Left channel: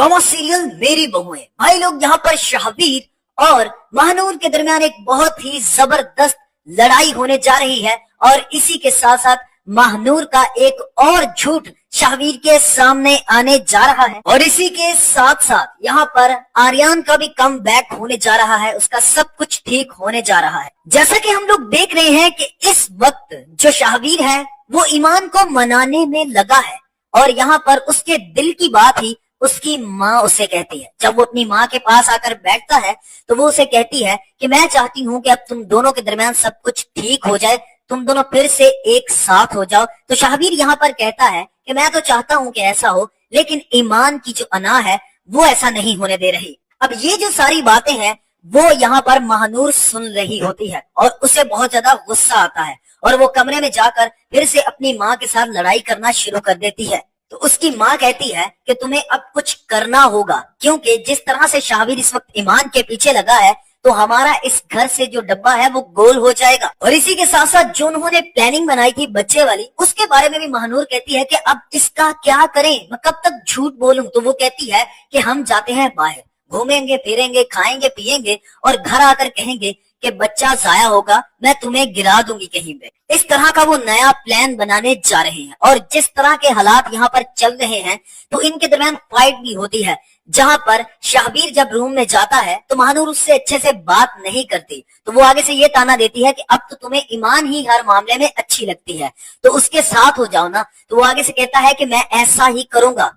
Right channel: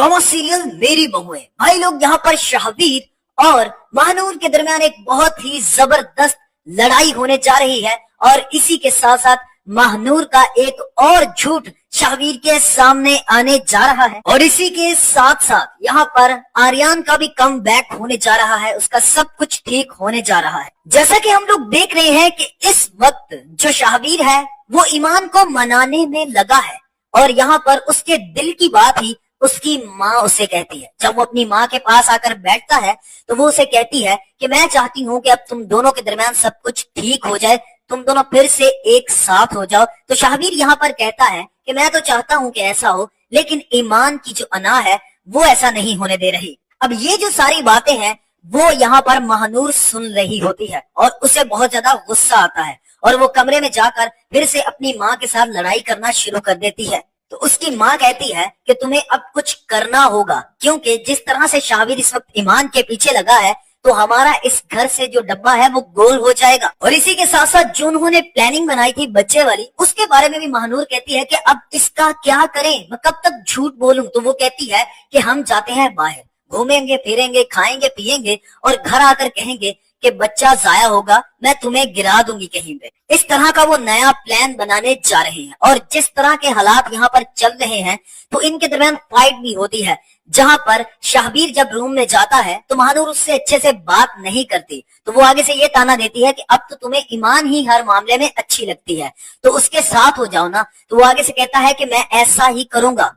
Drama serial मेरी बहुएं। भाई लोग, यहाँ पर शाहबीर और महानूर के दरमियान एक बहुत ही जबरदस्त लड़ाई होने जा रही है और इसी के साथ साथ महानूर का एक और झूठ शाहबीर के सामने आने जा रहा है और इसी के साथ साथ यहाँ पर आर्यन का भी कम बैक होने जा रहा है। उसका सब कुछ ठीक होने जा रहा है। जैसा कि हम लोग देख रहे हैं कि इस वक्त जो शाहबीर है वो ईमान को मनाने में लगा है और यहाँ पर उसके दिल की बात ही उसकी माँ उसे कहती है। जब वो अपनी माँ के पास आकर बैठता है तो वो उसे कहती है कि मैं चाहती हूँ कि अब तुम दोनों के दरमियान सब कुछ ठीक हो जाए, तुम दोनों फिर से एक साथ हो जाओ। तो शाहबीर यहाँ पर कहता है कि मैं तो चाहता हूँ कि ऐसा हो, लेकिन ईमान की जो अना है वो ऐसा नहीं होने दे रही। अब ये जो सारी बातें हैं वो यहाँ पर महानूर सुन रही होती है और उसे बहुत ज्यादा गुस्सा आता है और वो कमरे में जाकर फिर से अपनी माँ के साथ लड़ाई करना शुरू कर देती है। तो उसकी माँ कहती है कि तुम्हें अब कुछ करना होगा, क्योंकि जिस तरह से शाहबीर इस वक्त ईमान के पीछे लगा है तो हमारा इस घर से जो डब्बा है वो गोल हो जाएगा। और इसी के साथ साथ जो उन्होंने प्लानिंग बनाई थी बच्चे वाली, उसके बारे में भी महानूर कहती है कि अब इसका क्या करें, मैं कब तक झूठ बोलूं। तो वो कहती है कि हम जाते हैं बाहर, घूमेंगे फिरेंगे, खाएंगे पिएंगे और घर आकर कहेंगे कि बच्चा जाया होगा, मैं तुम्हें गिरा दूंगी कहीं पे। इस तरह का वो नया प्लान बनाने जा रहे हैं और जिस तरह के हालात यहाँ पर चल रहे हैं तो इनके दरमियान फाइट भी होती है, जहाँ पर शाहबीर जब रूम में जाता है तो महानूर उससे अच्छे से बात नहीं करती। तो वो आगे से ये ताना देती है कि अब तो तुम्हें ईमान ही हर मामले में अच्छी लगती है तो उसके साथ हो जाओ ना। तो वो आगे से कहता है कि मैं ऐसा ही करूंगा।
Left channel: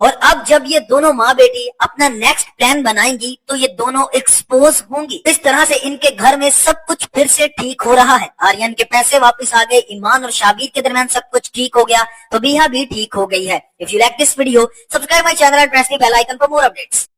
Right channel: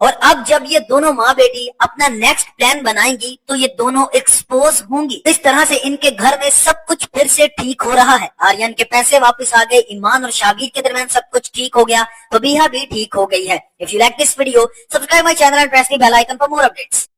और अब जब ये दोनों माँ बेटी अपना नेक्स्ट प्लान बनाएंगी तो ये दोनों एक्सपोज होंगी। इस तरह से इनके घर में सब कुछ फिर से ठीक हो रहा है। आर्यन के पैसे वापस आ गए, ईमान और शाहबीर के दरमियान सब कुछ ठीक हो गया, तो बिहा भी ठीक हो गई है। If you like this video, subscribe my channel and press the bell icon for more updates.